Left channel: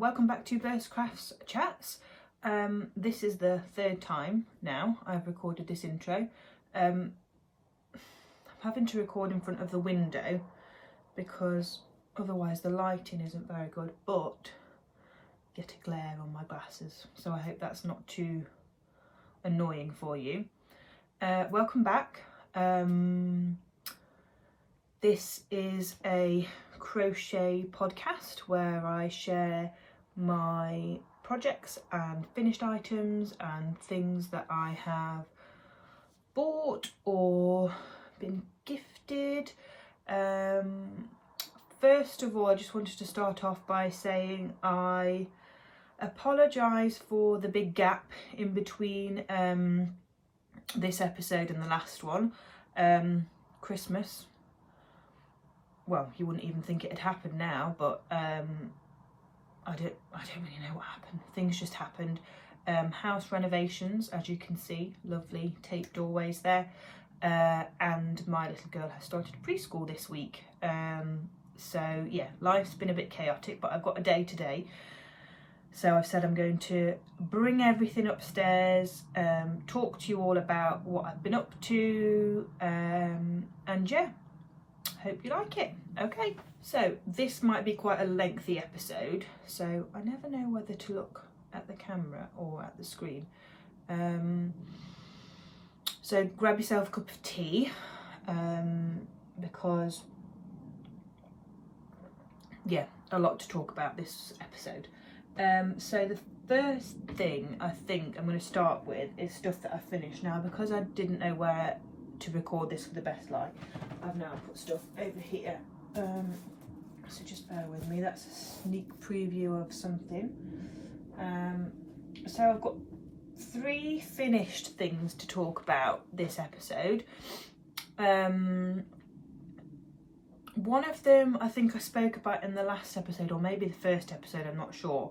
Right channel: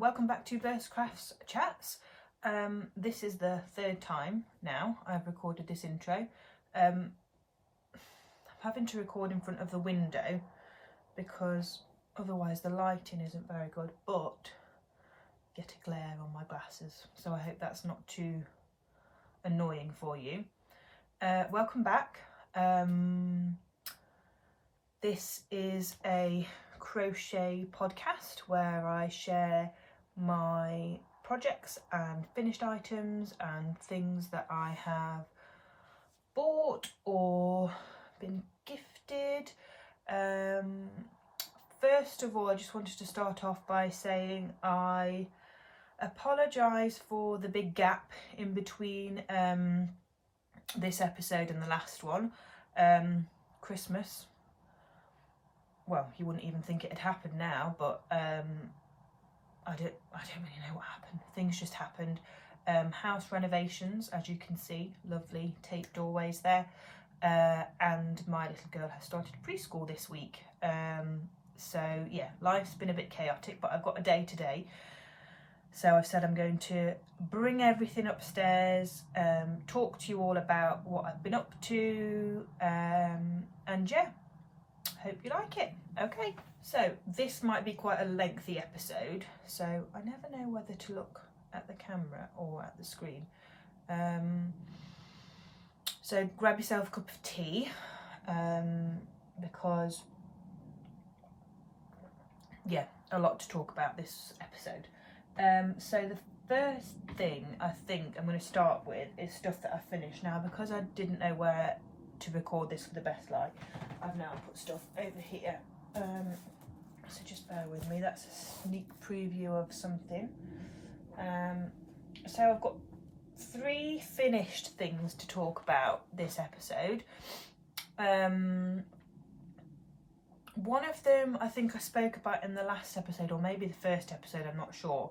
Welcome back to Bertscrafts chats. This is the third time now I've recorded this intro. I'm having to record in front of the window because otherwise the lighting isn't very good, but get a glare on my glasses, so I hope that's not too annoying for you. Welcome back. This is a crochet podcast where I share my projects and finished items and things that I have bought or been gifted. First of all, I just wanted to start off by saying I apologise for the big gap in between this episode and the last one. Christmas, well, you wouldn't even think it had happened now, but I don't really know what happened. Things just happened. House renovations, as you can see, lovely taped doorways there, and my little girl has started preschool this week. So yeah, life's been a bit chaotic, but I've got a day today, so I've said I'm going to bring everything upstairs, talk to you all about what I've been up to, and yeah, hope you like it. Okay, so this might be quite a lengthy episode, so I never know whether to look at the camera or at the screen. So grab yourself a cup of tea, because yeah, a lot to talk about this episode. So the first thing I think I'm going to start with is stuff that I finished. Now, because I didn't know where to record this for the best light, I've now put stuff over here, so just bear with me. That's a sneak preview of something. So I've got 3 finished things to talk about this episode. One of them I think I spoke about in the last episode, or maybe the first episode, I'm not sure,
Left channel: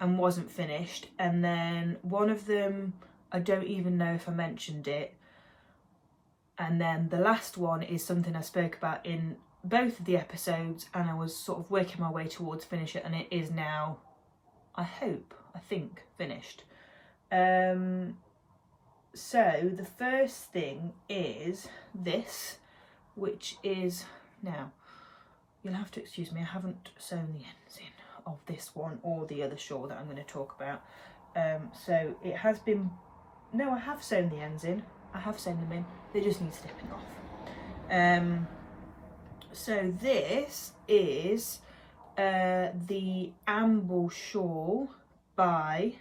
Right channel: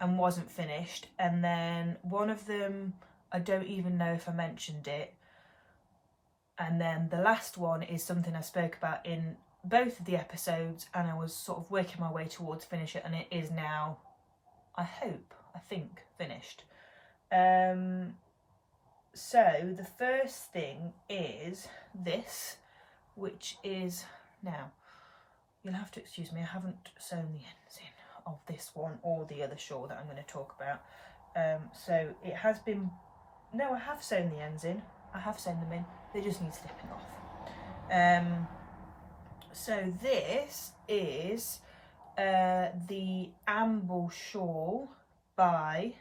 and wasn't finished. And then one of them I don't even know if I mentioned it. And then the last one is something I spoke about in both of the episodes, and I was sort of working my way towards finish it, and it is now, I think, finished. So the first thing is this, which is, now you'll have to excuse me, I haven't sewn the ends in of this one or the other shawl that I'm going to talk about. So it has been, no, I have sewn the ends in. I have sewn them in, they just need snipping off. So this is the Amble shawl by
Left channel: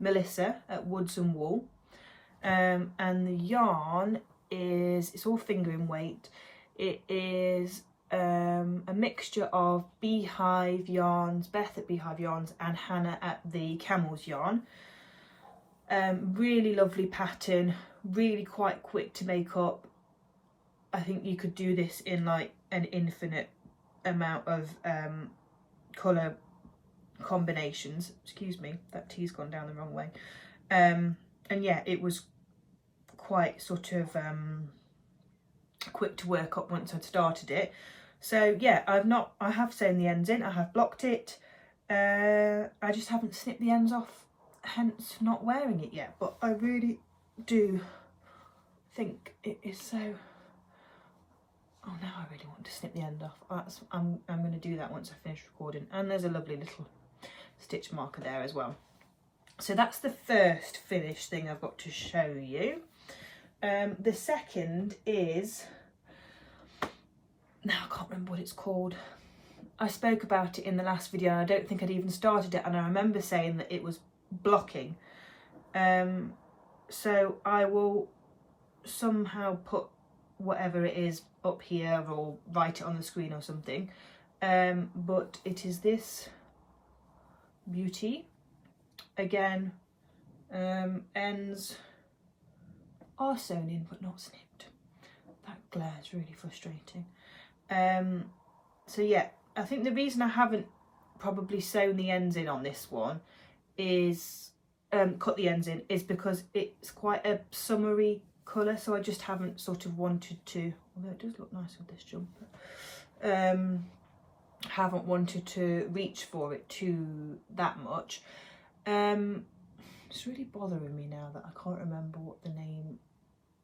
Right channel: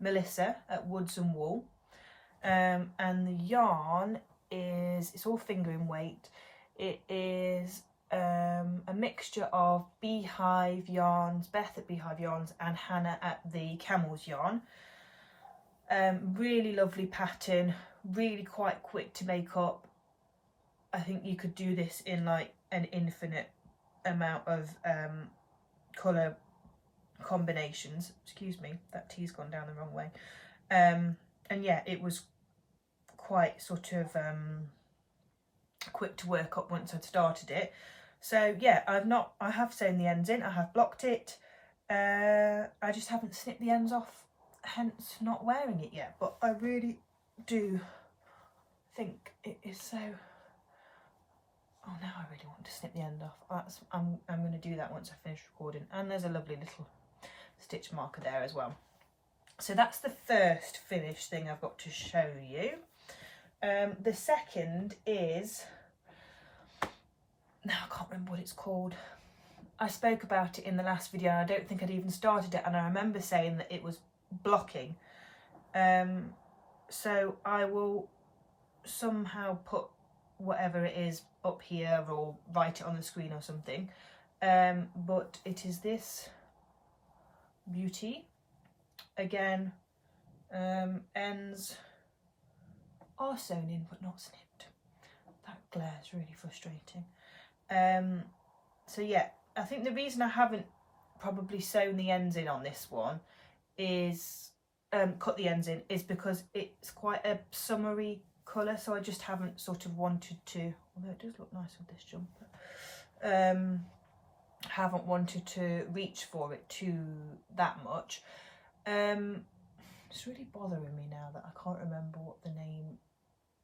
Melissa at Woods and Wool, and the yarn is, it's all fingering weight. It is a mixture of Beehive Yarns, Beth at Beehive Yarns and Hannah at the Camels Yarn. Really lovely pattern, really quite quick to make up. I think you could do this in like an infinite amount of colour combinations. Excuse me, that tea's gone down the wrong way. And yeah, it was quite sort of quick to work up once I'd started it. So yeah, I have sewn the ends in, I have blocked it. I just haven't snipped the ends off, hence not wearing it yet, but I really do think it is so, oh, now I really want to snip the end off. I'm going to do that once I finish recording, and there's a lovely little stitch marker there as well. So that's the first finished thing I've got to show you. The second is, now I can't remember what it's called. I spoke about it in the last video and I don't think I'd even started it, and I remember saying that it was blocking. So I will somehow put whatever it is up here or write it on the screen or something. But it is this beauty. Again, ends are sewn in but not snipped. That glare is really frustrating. So yeah, I think the reason I haven't probably sewn the ends in on this one is, cut the ends in, is because it's quite a summery colour, so I just haven't sort of wanted to, although it does look nice with this jumper, haven't wanted to reach for it that much. It's really bothering me now that I can't remember what the name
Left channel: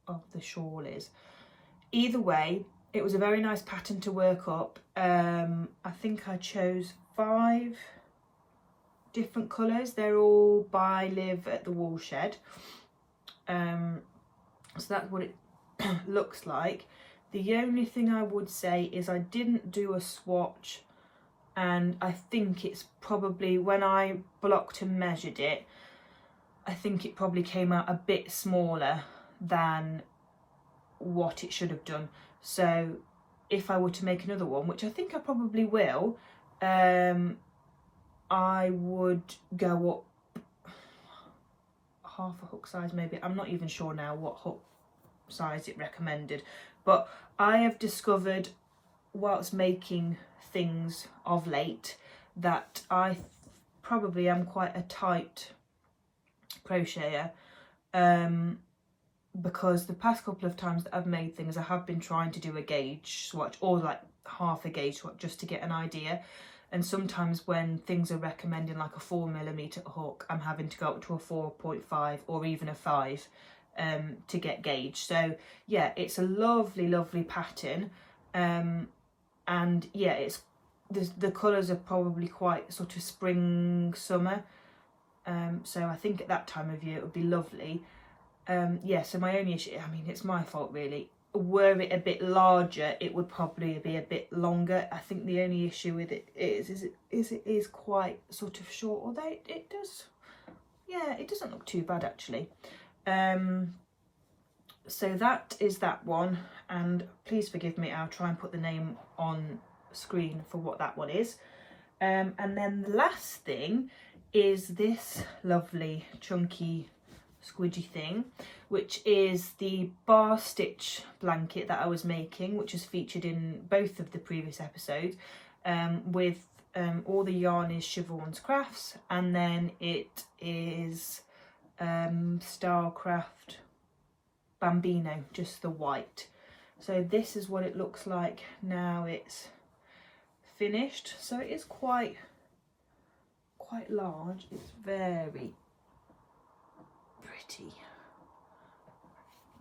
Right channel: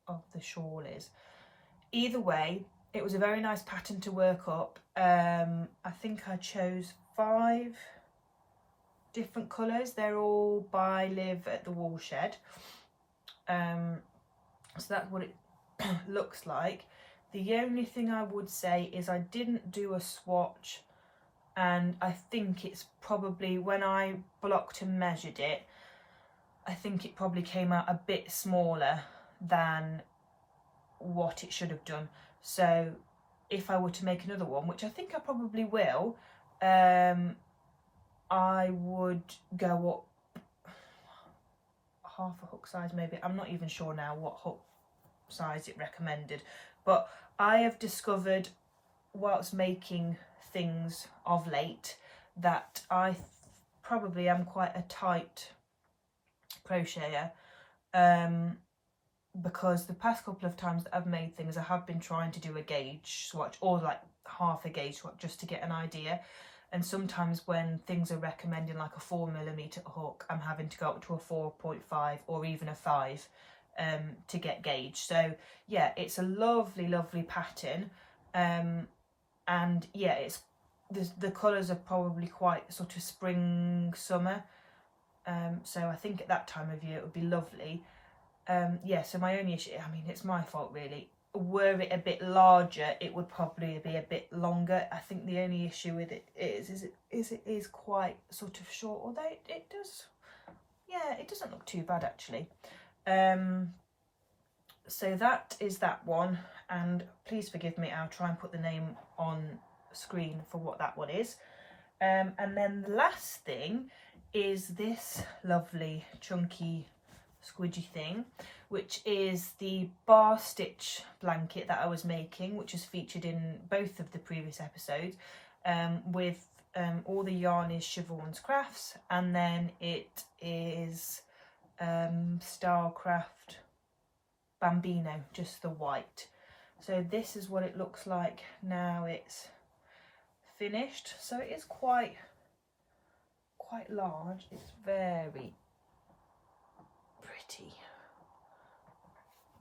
of the shawl is. Either way, it was a very nice pattern to work up. I think I chose 5 different colours. They're all by Live at the Woolshed. So that's what it looks like. The only thing I would say is I didn't do a swatch, and I think it's probably, when I blocked and measured it, I think it probably came out a bit smaller than what it should have done. So if I were to make another one, which I think I probably will, I would go up half a hook size maybe. I'm not even sure now what hook size it recommended, but I have discovered whilst making things of late that I probably am quite a tight crocheter, because the past couple of times that I've made things, I have been trying to do a gauge swatch, or like half a gauge swatch, just to get an idea. And sometimes when things are recommending like a 4mm hook, I'm having to go up to a 4.5 or even a 5 to get gauge. So yeah, it's a lovely, lovely pattern. And yeah, it's the colours are probably quite sort of spring, summer. So I think at that time of year it would be lovely. Yeah, so my only issue, I mean, it's my fault really. Were it a bit larger, it would probably be a bit longer. I think the only issue with it is it is quite sort of short, although it does, yeah, it doesn't look too bad actually. So that is that one, and please forgive me, I'll try and put the name on screen for what that one is. And then the last thing is this lovely chunky squidgy thing, which is the bar stitch blanket that I was making, which is featured in both of the previous episodes, with all the yarn is Siobhan's Crafts, and then it is Starcraft Bambino, just the white. So this is what it looks like now it's finished. So it is quite large. It's very pretty.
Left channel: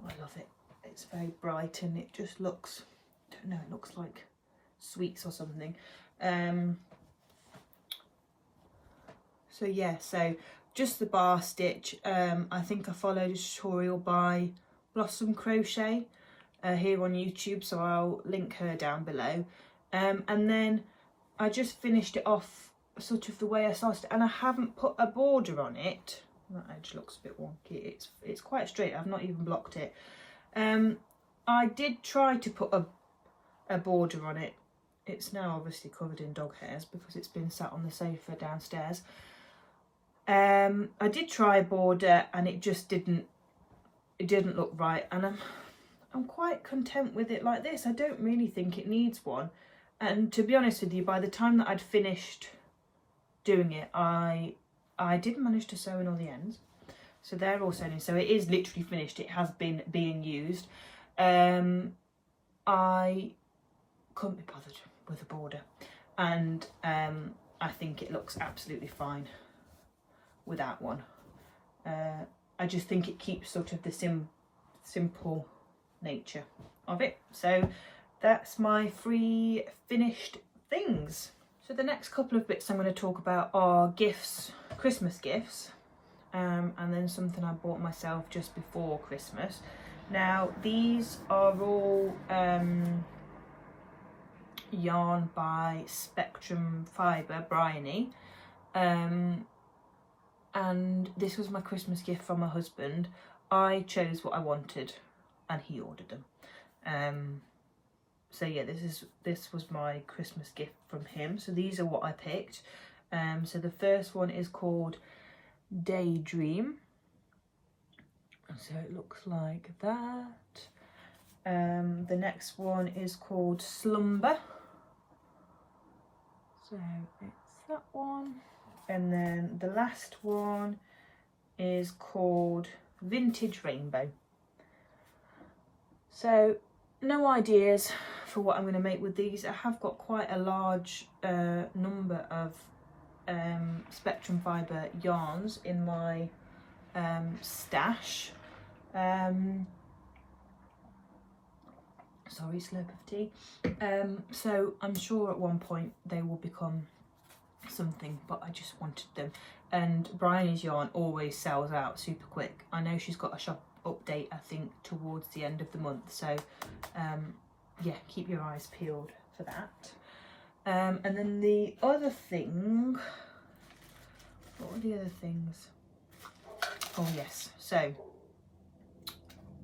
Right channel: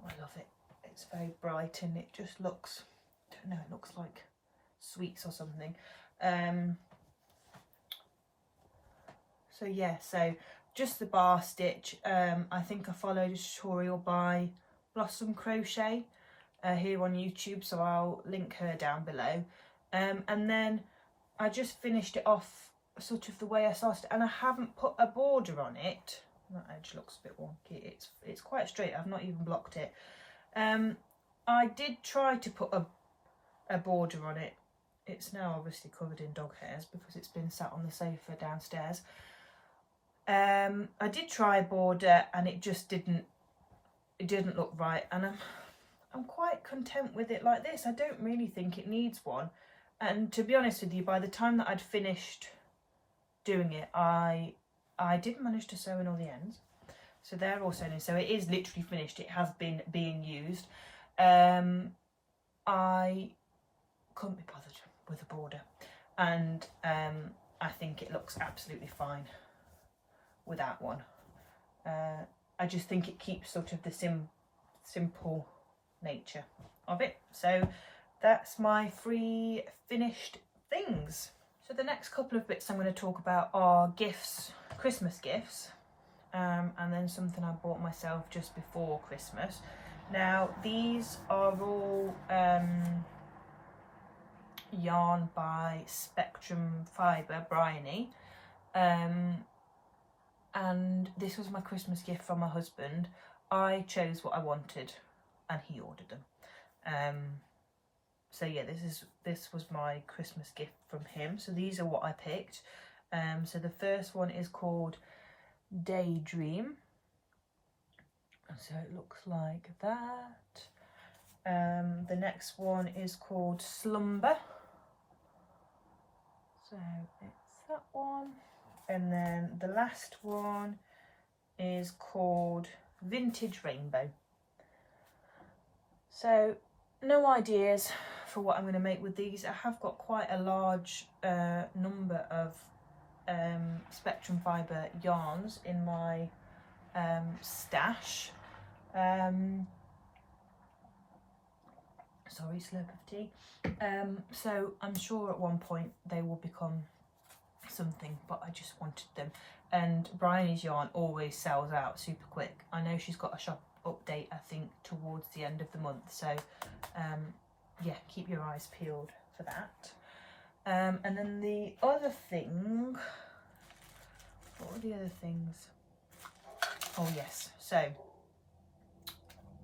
I love it. It's very bright and it just looks, I don't know, it looks like sweets or something. So yeah, so just the bar stitch. I think I followed a tutorial by Blossom Crochet here on YouTube, so I'll link her down below. And then I just finished it off sort of the way I started, and I haven't put a border on it. That edge looks a bit wonky. It's quite straight. I've not even blocked it. I did try to put a border on it. It's now obviously covered in dog hairs because it's been sat on the sofa downstairs. I did try a border and it just didn't look right, and I'm quite content with it like this. I don't really think it needs one, and to be honest with you, by the time that I'd finished doing it, I did manage to sew in all the ends, so they're all sewn in, so it is literally finished. It has been being used. I couldn't be bothered with a border, and I think it looks absolutely fine without one. I just think it keeps sort of the simple nature of it. So that's my 3 finished things. So the next couple of bits I'm going to talk about are gifts, Christmas gifts, and then something I bought myself just before Christmas. Now these are all yarn by Spectrum Fibre, Bryony, and this was my Christmas gift from my husband. I chose what I wanted and he ordered them. So yeah, this was my Christmas gift from him. So these are what I picked. So the first one is called Daydream. So it looks like that. The next one is called Slumber. So it's that one. And then the last one is called Vintage Rainbow. So no ideas for what I'm going to make with these. I have got quite a large number of spectrum fibre yarns in my stash. Sorry, slurp of tea. So I'm sure at one point they will become something, but I just wanted them. And Bryony's yarn always sells out super quick. I know she's got a shop update, I think, towards the end of the month, so yeah, keep your eyes peeled for that. And then the other thing, what were the other things? Oh yes, so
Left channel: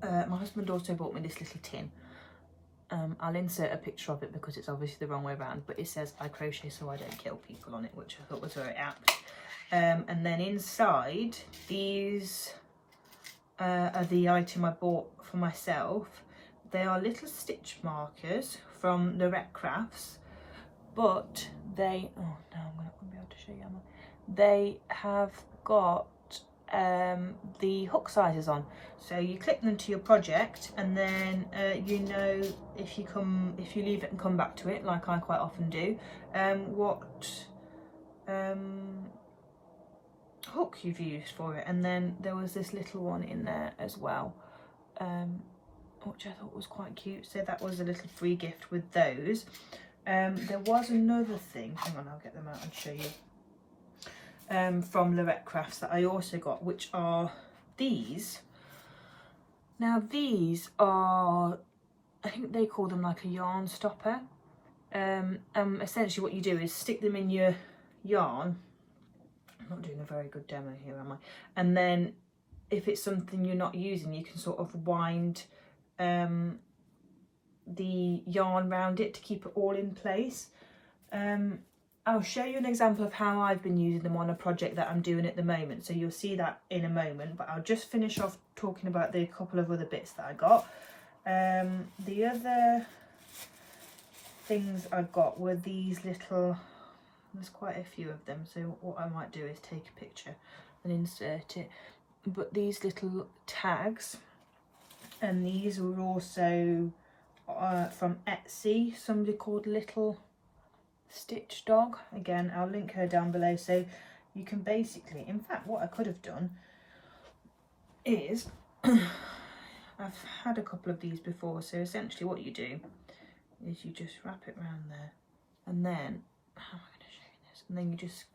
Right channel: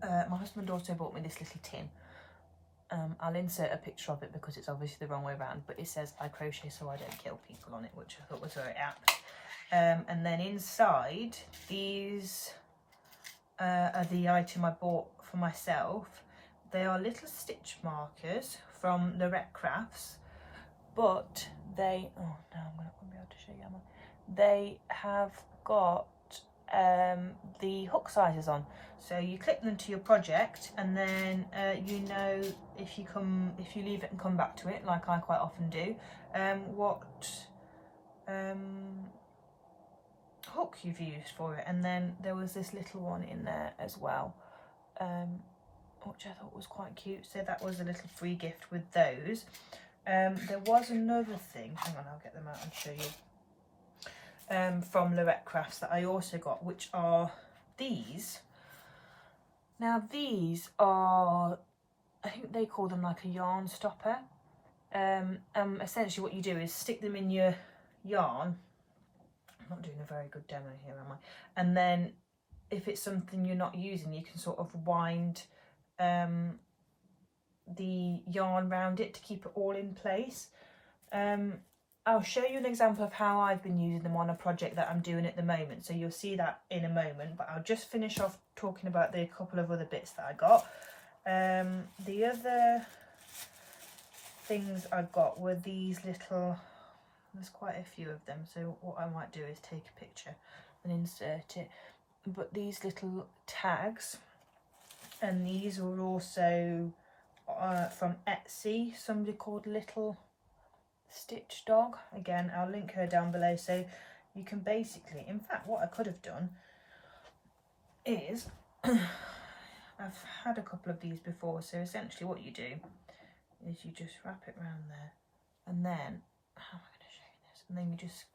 my husband also bought me this little tin. I'll insert a picture of it because it's obviously the wrong way around, but it says I crochet so I don't kill people on it, which I thought was very apt. And then inside, these are the item I bought for myself. They are little stitch markers from Bertscrafts, but they, oh no, I'm not going to be able to show you, am I? They have got the hook sizes on, so you clip them to your project, and then you know, if you leave it and come back to it, like I quite often do, what hook you've used for it. And then there was this little one in there as well, which I thought was quite cute, so that was a little free gift with those. There was another thing, hang on, I'll get them out and show you, from Bertscrafts that I also got, which are these. Now these are, I think they call them like a yarn stopper. Essentially what you do is stick them in your yarn. I'm not doing a very good demo here, am I? And then if it's something you're not using, you can sort of wind the yarn around it to keep it all in place. I'll show you an example of how I've been using them on a project that I'm doing at the moment, so you'll see that in a moment, but I'll just finish off talking about the couple of other bits that I got. The other things I got were these little, there's quite a few of them, so what I might do is take a picture and insert it, but these little tags, and these were also from Etsy, somebody called Little Stitch Dog. Again, I'll link her down below, so you can basically, in fact what I could have done is I've had a couple of these before, so essentially what you do is you just wrap it around there, and then, how am I going to show you this, and then you just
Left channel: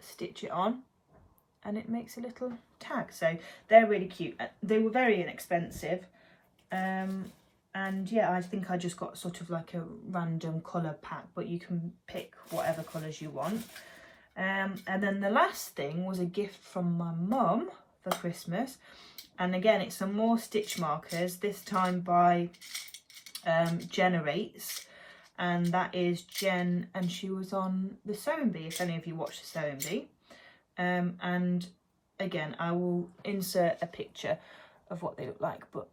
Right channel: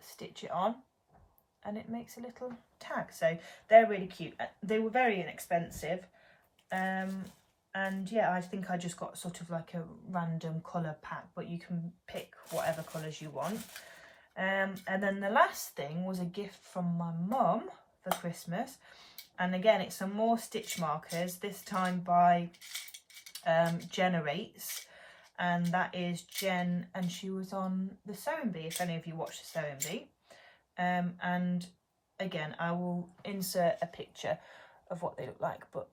stitch it on and it makes a little tag. So they're really cute. They were very inexpensive, and yeah, I think I just got sort of like a random colour pack, but you can pick whatever colours you want. And then the last thing was a gift from my mum for Christmas, and again it's some more stitch markers, this time by Generates, and that is Jen, and she was on the Sewing Bee, if any of you watch the Sewing Bee. And again, I will insert a picture of what they look like, but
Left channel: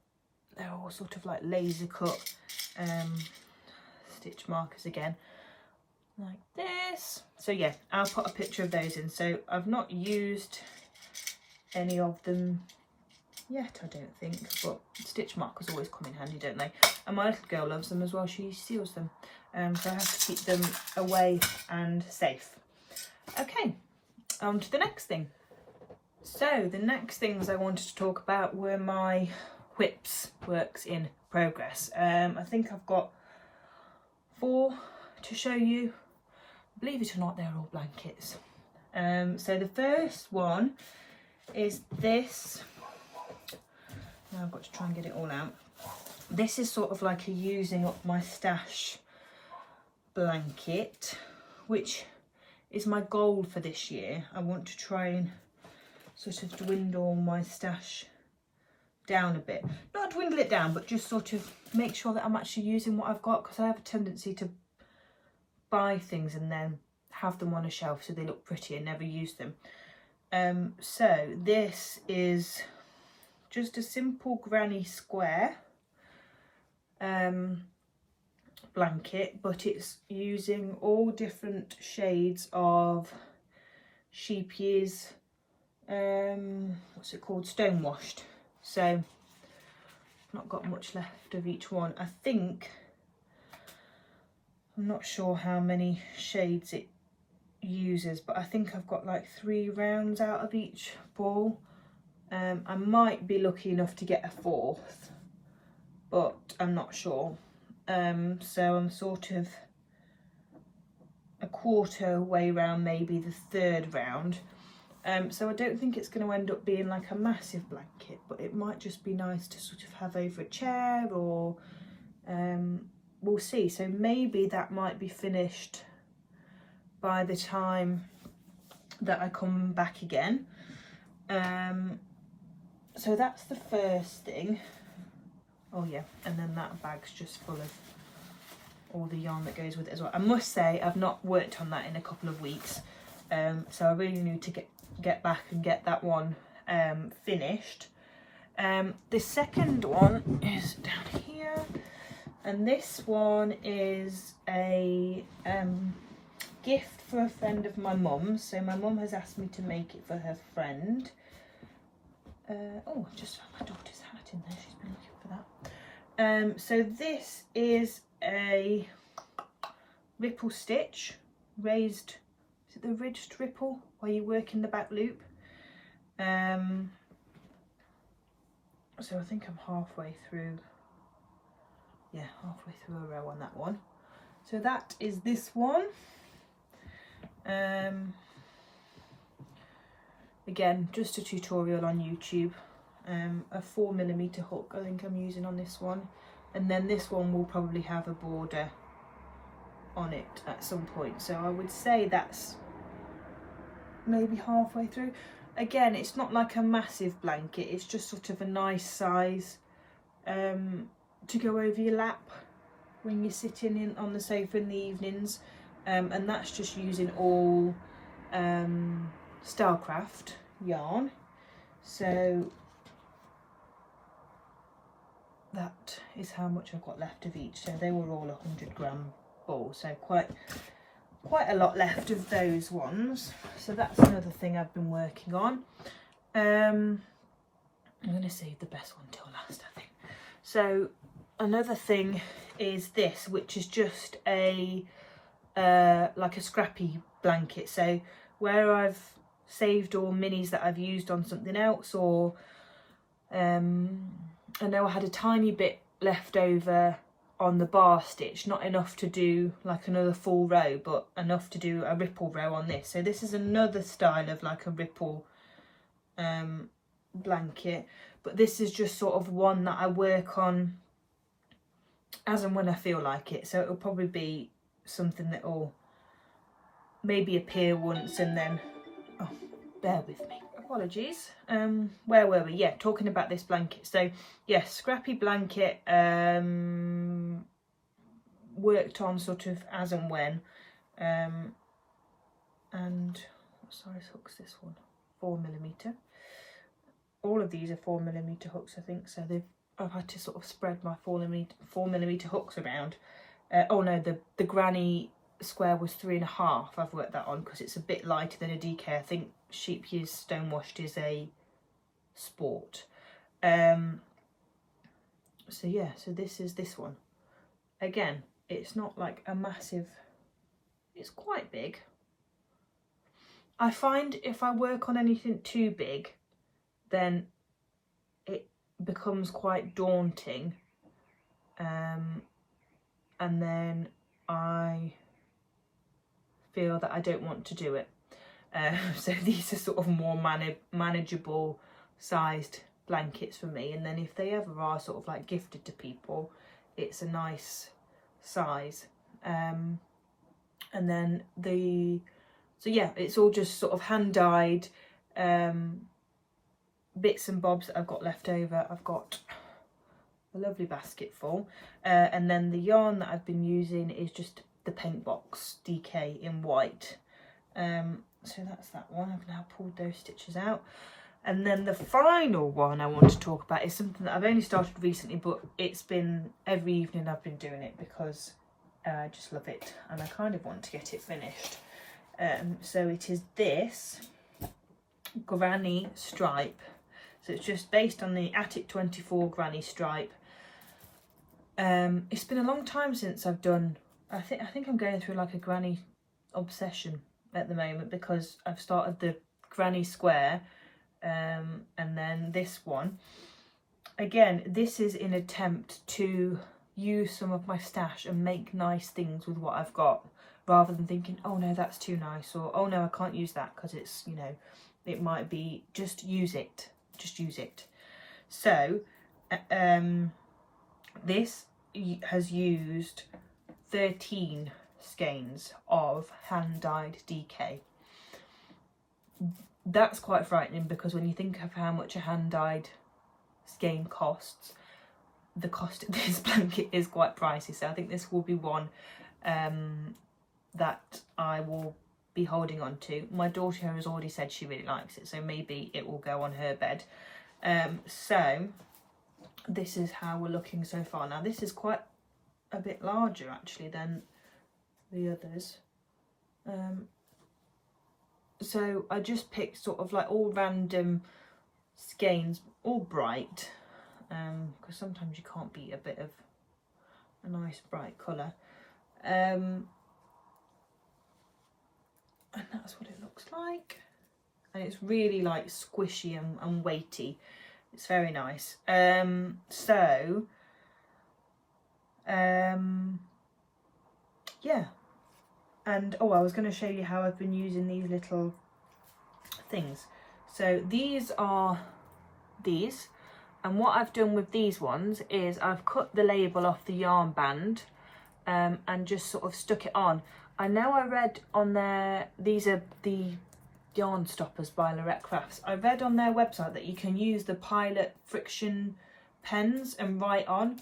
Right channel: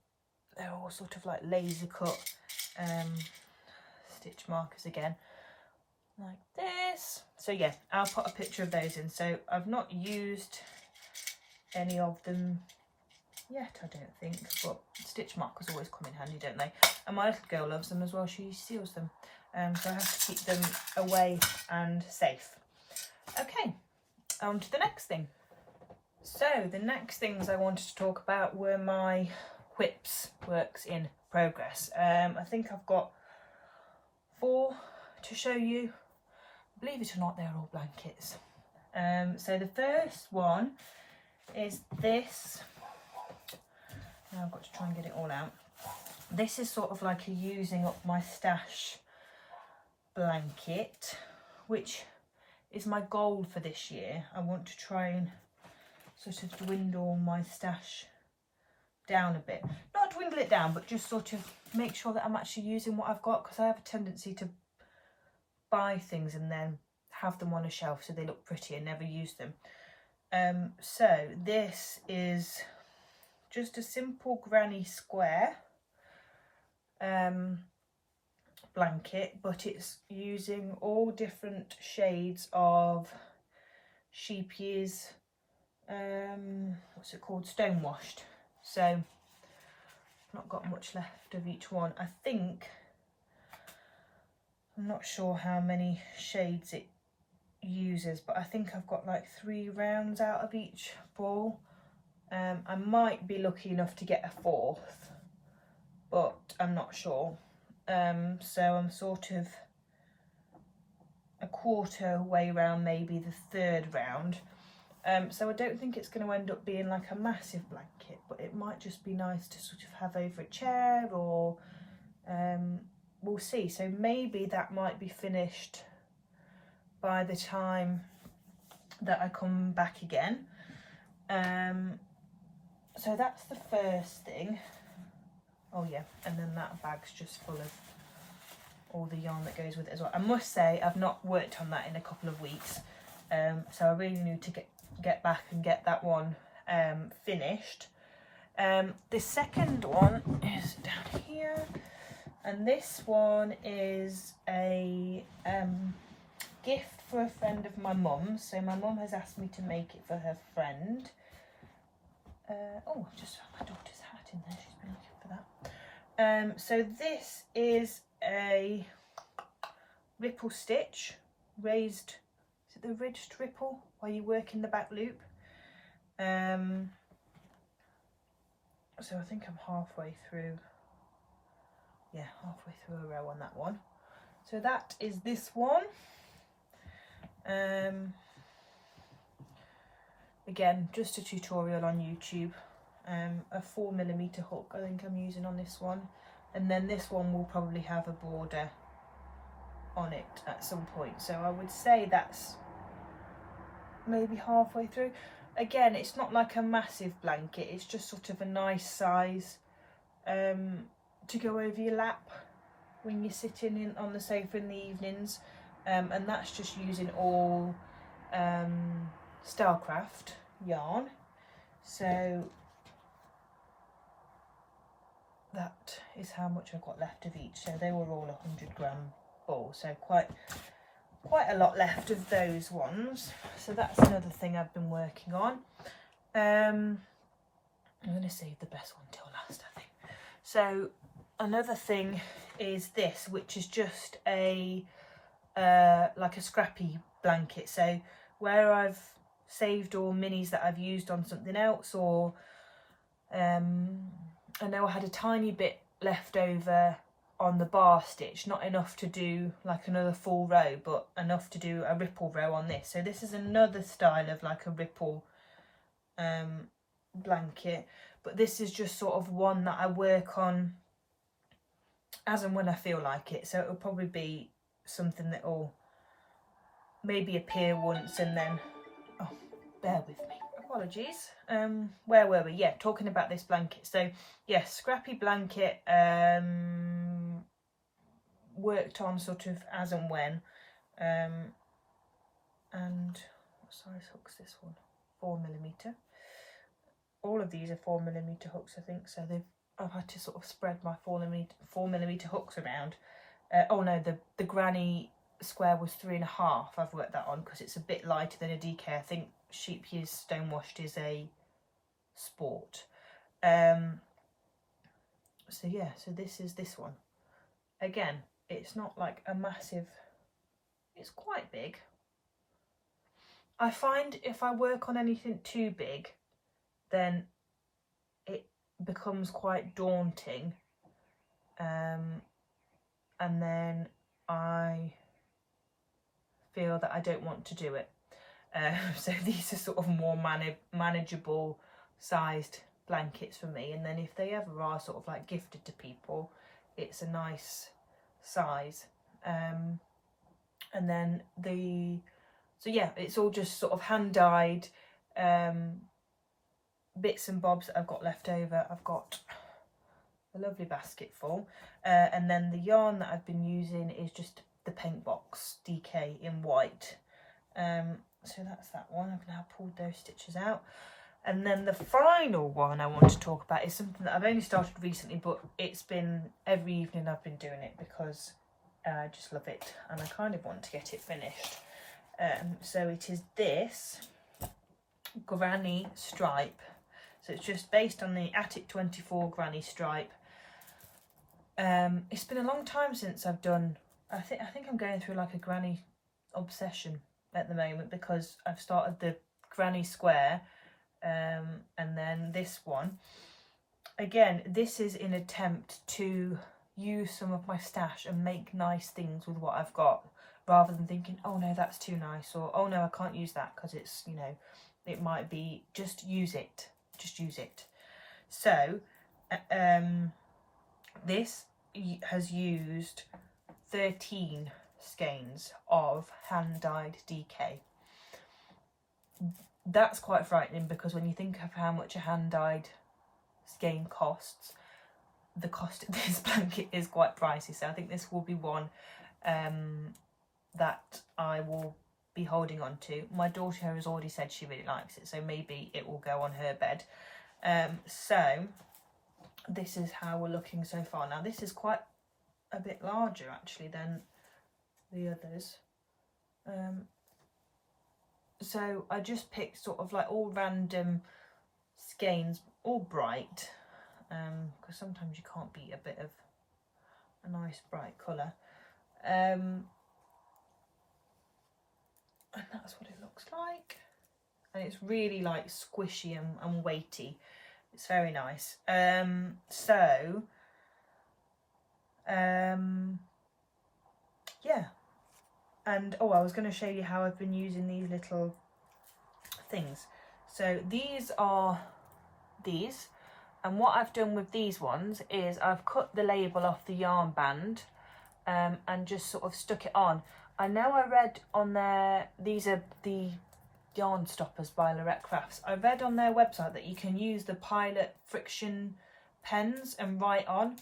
they're all sort of like laser cut stitch markers again, like this. So yeah, I'll put a picture of those in. So I've not used any of them yet, I don't think, but stitch markers always come in handy, don't they? And my little girl loves them as well, she steals them, so I have to keep them away and safe. Okay, on to the next thing. So the next things I wanted to talk about were my whips works in progress. I think I've got 4 to show you. Believe it or not, they're all blankets. So the first one is this. Now I've got to try and get it all out. This is sort of like a using up my stash blanket, which is my goal for this year. I want to try and sort of dwindle my stash down a bit. Not dwindle it down, but just sort of make sure that I'm actually using what I've got, because I have a tendency to buy things and then have them on a shelf so they look pretty and never use them. So this is just a simple granny square blanket, but it's using all different shades of sheep years, what's it called, stone washed. So I've not got much left of each one. I think I'm not sure how many shades it uses, but I think I've got like 3 rounds out of each ball. I might be lucky enough to get a 4th, but I'm not sure. So I'm sort of a quarter way round, maybe the 3rd round. So I don't think it's going to end up being like a massive blanket, but it might just be nice to sort of have over a chair, or we'll see. So maybe that might be finished by the time that I come back again. So that's the first thing. Oh yeah, and then that bag's just full of all the yarn that goes with it as well. I must say I've not worked on that in a couple of weeks, so I really need to get back and get that one finished. The second one is down here, and this one is a gift for a friend of my mum's. So my mum has asked me to make it for her friend. Oh, I've just found my daughter's hat in there, she's been looking for that. So this is a ripple stitch, raised, is it the ridged ripple where you work in the back loop? So I think I'm halfway through, yeah, halfway through a row on that one. So that is this one. Again, just a tutorial on YouTube. A 4mm hook I think I'm using on this one, and then this one will probably have a border on it at some point, so I would say that's maybe halfway through. Again, it's not like a massive blanket, it's just sort of a nice size to go over your lap when you're sitting in on the sofa in the evenings, and that's just using all Starcraft yarn. So that is how much I've got left of each. So they were all 100-gram balls, so quite a lot left of those ones. So that's another thing I've been working on. I'm going to save the best one till last, I think. So another thing is this, which is just a like a scrappy blanket. So where I've saved all minis that I've used on something else, or I know I had a tiny bit left over on the bar stitch, not enough to do like another full row, but enough to do a ripple row on this. So this is another style of like a ripple blanket, but this is just sort of one that I work on as and when I feel like it. So it'll probably be something that will maybe appear once and then, oh, bear with me, apologies. Where were we? Yeah, talking about this blanket. So yeah, scrappy blanket, worked on sort of as and when, and what size hook's this one? 4mm. All of these are 4mm hooks, I think. So I've had to sort of spread my 4mm hooks around. Oh no, the granny square was 3.5. I've worked that on because it's a bit lighter than a DK. I think sheep years stonewashed is a sport. So yeah, so this is this one. Again, it's not like a massive, it's quite big. I find if I work on anything too big, then it becomes quite daunting, and then I feel that I don't want to do it. So these are sort of more manageable sized blankets for me, and then if they ever are sort of like gifted to people, it's a nice size. And then so yeah, it's all just sort of hand dyed bits and bobs that I've got left over. I've got a lovely basket full, and then the yarn that I've been using is just the paint box DK in white. So that's that one. I've now pulled those stitches out, and then the final one I want to talk about is something that I've only started recently, but it's been every evening I've been doing it because I just love it and I kind of want to get it finished. So it is this granny stripe. So it's just based on the Attic 24 granny stripe. It's been a long time since I've done I think I'm going through like a granny obsession at the moment, because I've started the granny square and then this one. Again, this is in attempt to use some of my stash and make nice things with what I've got, rather than thinking, oh no, that's too nice, or oh no, I can't use that because it's, you know, it might be, just use it. So this has used 13 skeins of hand-dyed DK. That's quite frightening, because when you think of how much a hand-dyed skein costs, the cost of this blanket is quite pricey. So I think this will be one that I will be holding on to. My daughter has already said she really likes it, so maybe it will go on her bed. So this is how we're looking so far. Now this is quite a bit larger actually than the others. So I just picked sort of like all random skeins, all bright, because sometimes you can't beat a bit of a nice bright colour. And that's what it looks like. And it's really like squishy and weighty. It's very nice. Yeah. And oh, I was going to show you how I've been using these little things. So these are these, and what I've done with these ones is I've cut the label off the yarn band and just sort of stuck it on. I know I read on their, these are the yarn stoppers by Bertscrafts. I read on their website that you can use the Pilot friction pens and write on,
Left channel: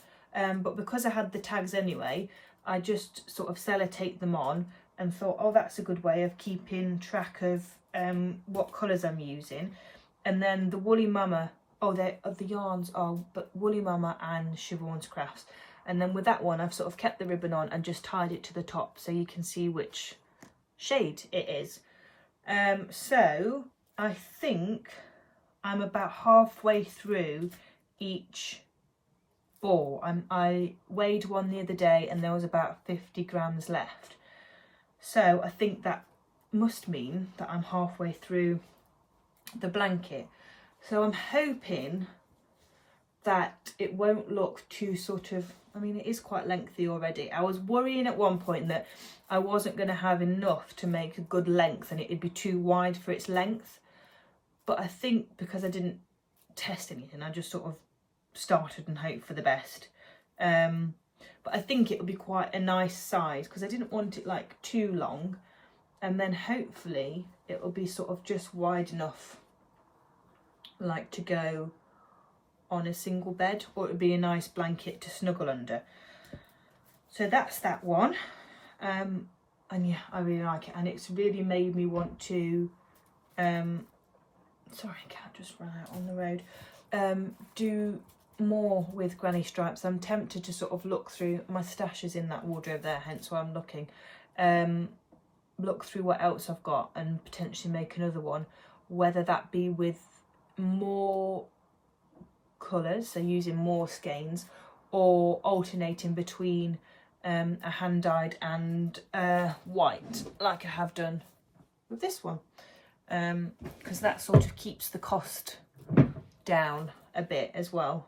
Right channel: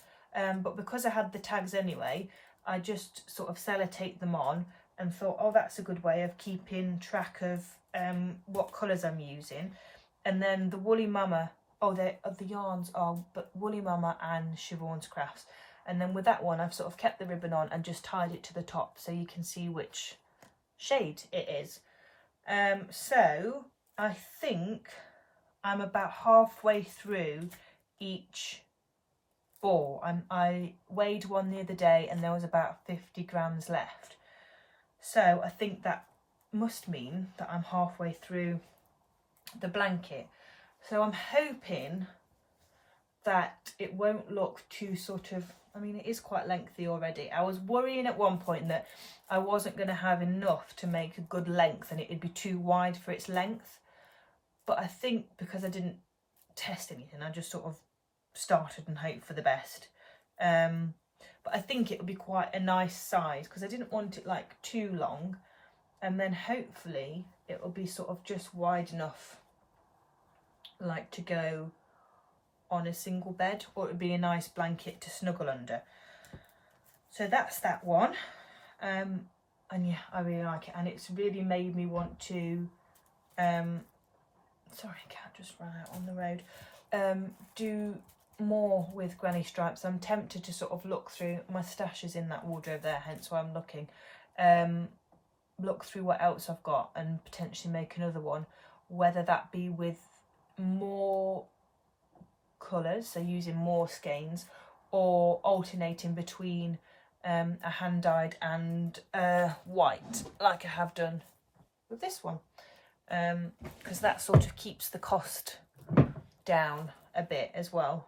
but because I had the tags anyway, I just sort of sellotape them on and thought, oh, that's a good way of keeping track of what colours I'm using. And then the Woolly Mama, the yarns are but Woolly Mama and Siobhan's Crafts. And then with that one, I've sort of kept the ribbon on and just tied it to the top so you can see which shade it is. So I think I'm about halfway through each ball. I weighed one the other day and there was about 50 grams left. So I think that must mean that I'm halfway through the blanket. So I'm hoping that it won't look too sort of, I mean, it is quite lengthy already. I was worrying at one point that I wasn't going to have enough to make a good length and it'd be too wide for its length. But I think because I didn't test anything, I just sort of started and hoped for the best. But I think it'll be quite a nice size because I didn't want it like too long, and then hopefully it'll be sort of just wide enough like to go on a single bed, or it would be a nice blanket to snuggle under. So that's that one. And yeah, I really like it, and it's really made me want to sorry, cat just ran out on the road. Do more with granny stripes. I'm tempted to sort of look through, my stash is in that wardrobe there, hence why I'm looking. Look through what else I've got and potentially make another one, whether that be with more colours, so using more skeins, or alternating between a hand-dyed and white, like I have done with this one, because that sort of keeps the cost down a bit as well.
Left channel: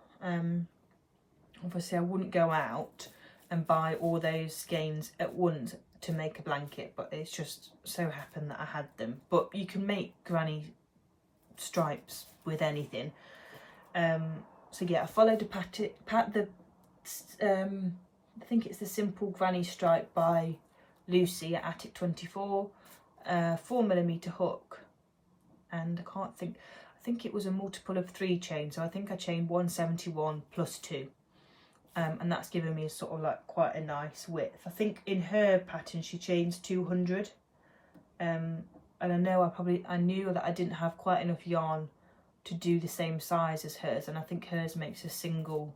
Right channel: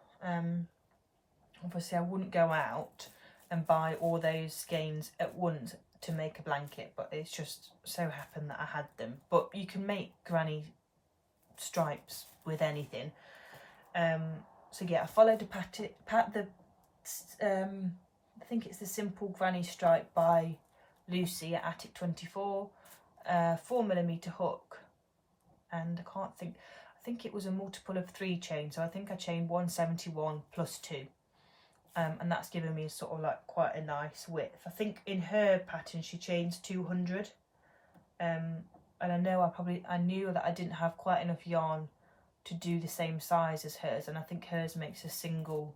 Obviously I wouldn't go out and buy all those skeins at once to make a blanket, but it's just so happened that I had them. But you can make granny stripes with anything. So yeah, I followed a I think it's the Simple Granny Stripe by Lucy at Attic 24, 4mm hook, and I think it was a multiple of 3 chains, so I think I chained 171 plus 2, and that's given me sort of like quite a nice width. I think in her pattern she chains 200, and I know I knew that I didn't have quite enough yarn to do the same size as hers, and I think hers makes a single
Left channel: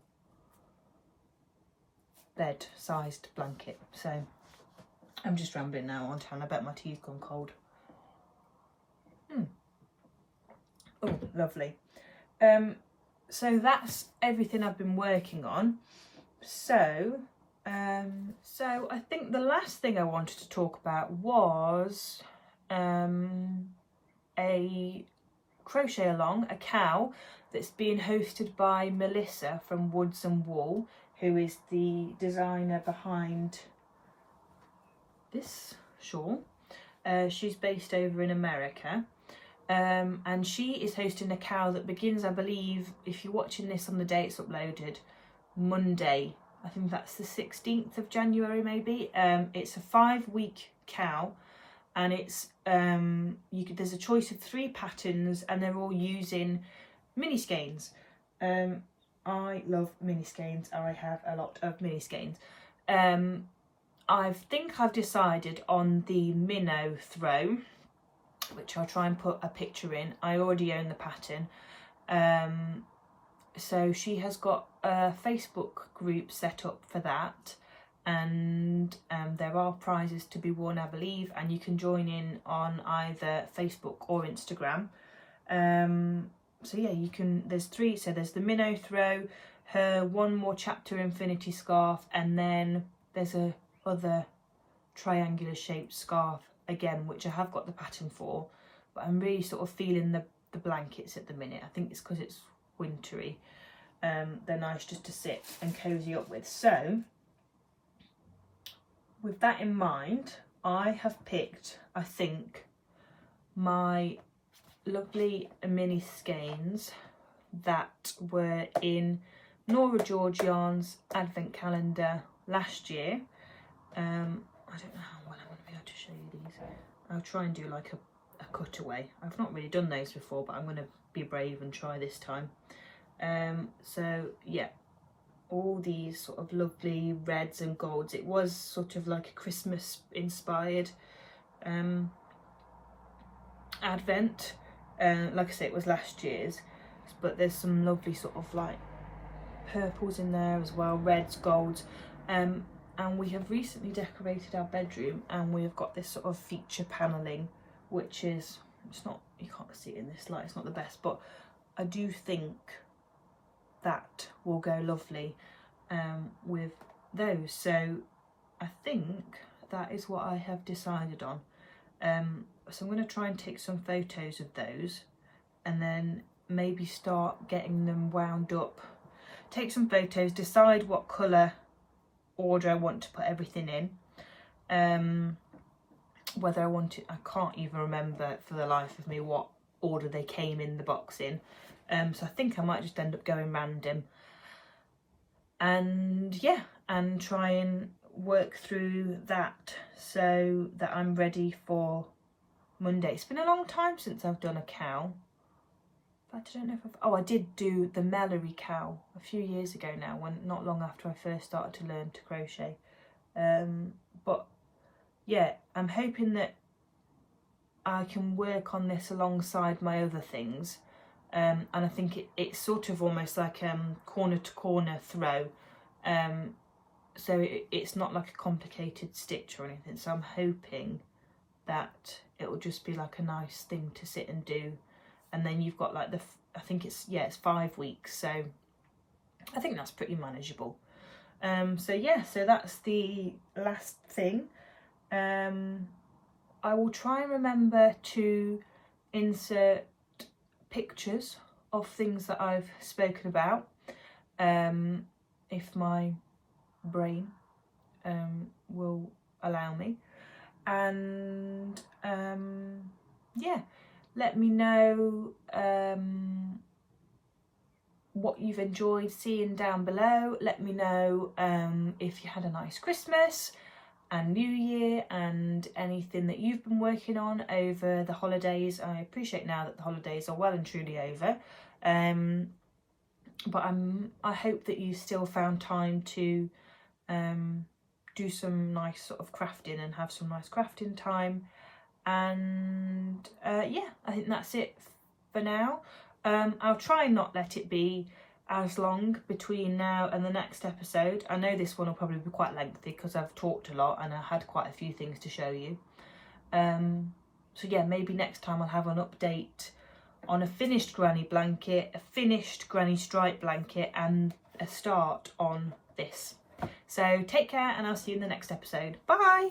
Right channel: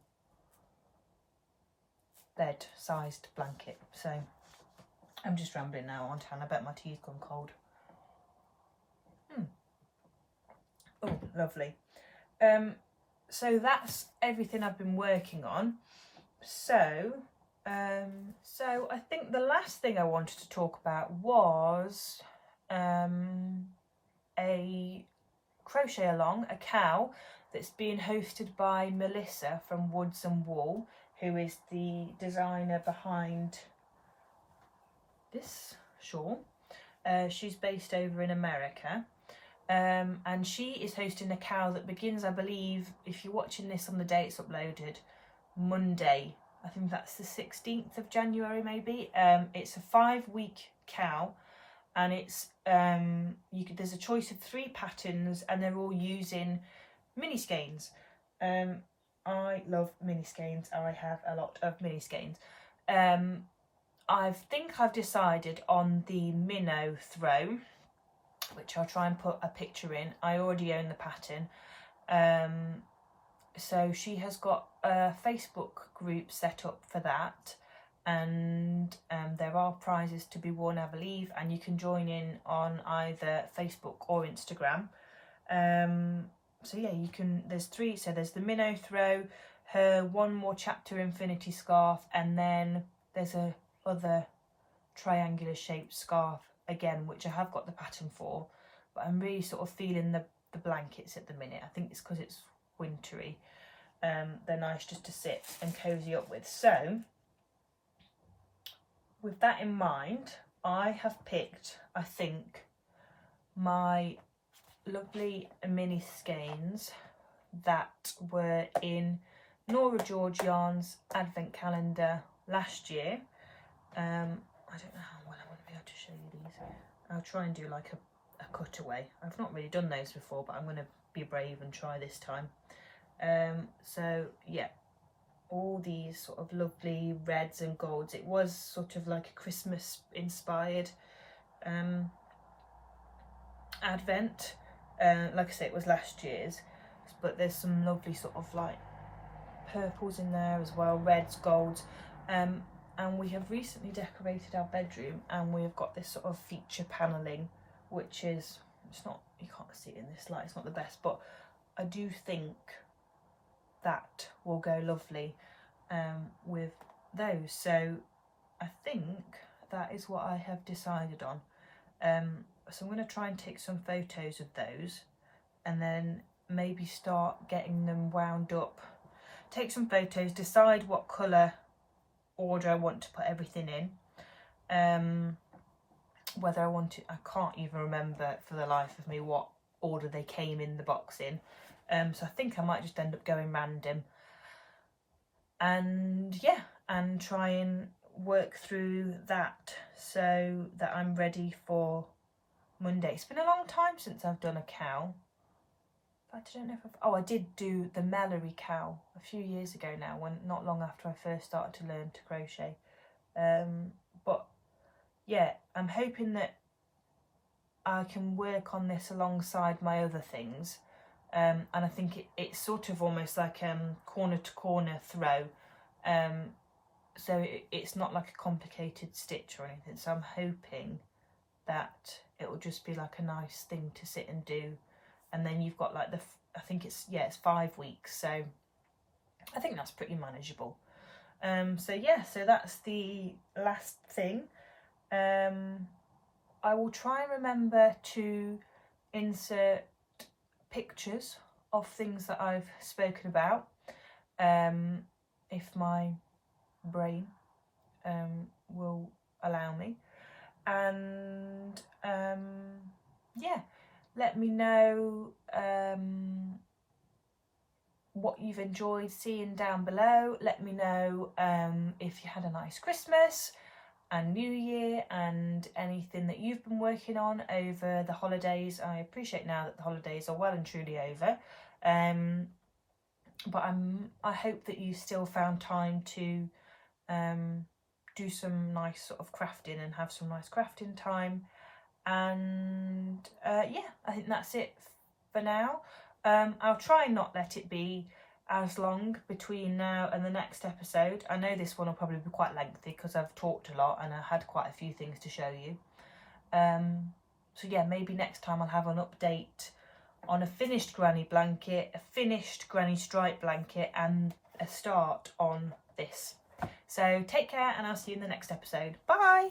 bed sized blanket. So I'm just rambling now, aren't I? And I bet my tea's gone cold. Oh, lovely. So that's everything I've been working on. So So I think the last thing I wanted to talk about was a crochet along, a cow that's being hosted by Melissa from Woods and Wool, who is the designer behind this shawl. She's based over in America, and she is hosting a cow that begins, I believe, if you're watching this on the day it's uploaded, Monday. I think that's the 16th of January maybe. It's a 5-week cow, and it's there's a choice of 3 patterns, and they're all using mini skeins. I love mini skeins. I have a lot of mini skeins. I think I've decided on the minnow throw, which I'll try and put a picture in. I already own the pattern. So she has got a Facebook group set up for that, and there are prizes to be won, I believe, and you can join in on either Facebook or Instagram. So yeah, you can, there's 3, so there's the minnow throw, her One More Chapter Infinity scarf, and then there's a other triangular shaped scarf again, which I have got the pattern for, but I'm really sort of feeling the blankets at the minute. I think it's because it's wintry. They're nice just to sit and cozy up with. So with that in mind, I have picked, I think, my lovely mini skeins that were in Nora George Yarn's advent calendar last year. I don't know how well I'm going to be able to show you these. I'll try and do like a cutaway. I've not really done those before, but I'm going to be brave and try this time. So yeah, all these sort of lovely reds and golds. It was sort of like a Christmas inspired advent. Like I say, it was last year's, but there's some lovely sort of like purples in there as well, reds, golds. And we have recently decorated our bedroom, and we have got this sort of feature panelling, which is, it's not, you can't see it in this light, it's not the best, but I do think that will go lovely with those. So I think that is what I have decided on. So I'm going to try and take some photos of those, and then maybe start getting them wound up, take some photos, decide what colour order I want to put everything in, whether I want to, I can't even remember for the life of me what order they came in the box in, so I think I might just end up going random, and yeah, and try and work through that so that I'm ready for Monday. It's been a long time since I've done a cow. I don't know if I did do the Mellery cow a few years ago now, when not long after I first started to learn to crochet. But yeah, I'm hoping that I can work on this alongside my other things, and I think it's sort of almost like corner to corner throw, so it's not like a complicated stitch or anything, so I'm hoping that it will just be like a nice thing to sit and do. And then you've got like I think it's 5 weeks, so I think that's pretty manageable. So yeah, so that's the last thing. I will try and remember to insert pictures of things that I've spoken about, if my brain will allow me. And yeah, let me know what you've enjoyed seeing down below. Let me know if you had a nice Christmas and New Year, and anything that you've been working on over the holidays. I appreciate now that the holidays are well and truly over, but I hope that you still found time to do some nice sort of crafting and have some nice crafting time. And yeah, I think that's it for now. I'll try and not let it be as long between now and the next episode. I know this one will probably be quite lengthy because I've talked a lot and I had quite a few things to show you. So yeah, maybe next time I'll have an update on a finished granny blanket, a finished granny stripe blanket, and a start on this. So take care, and I'll see you in the next episode. Bye!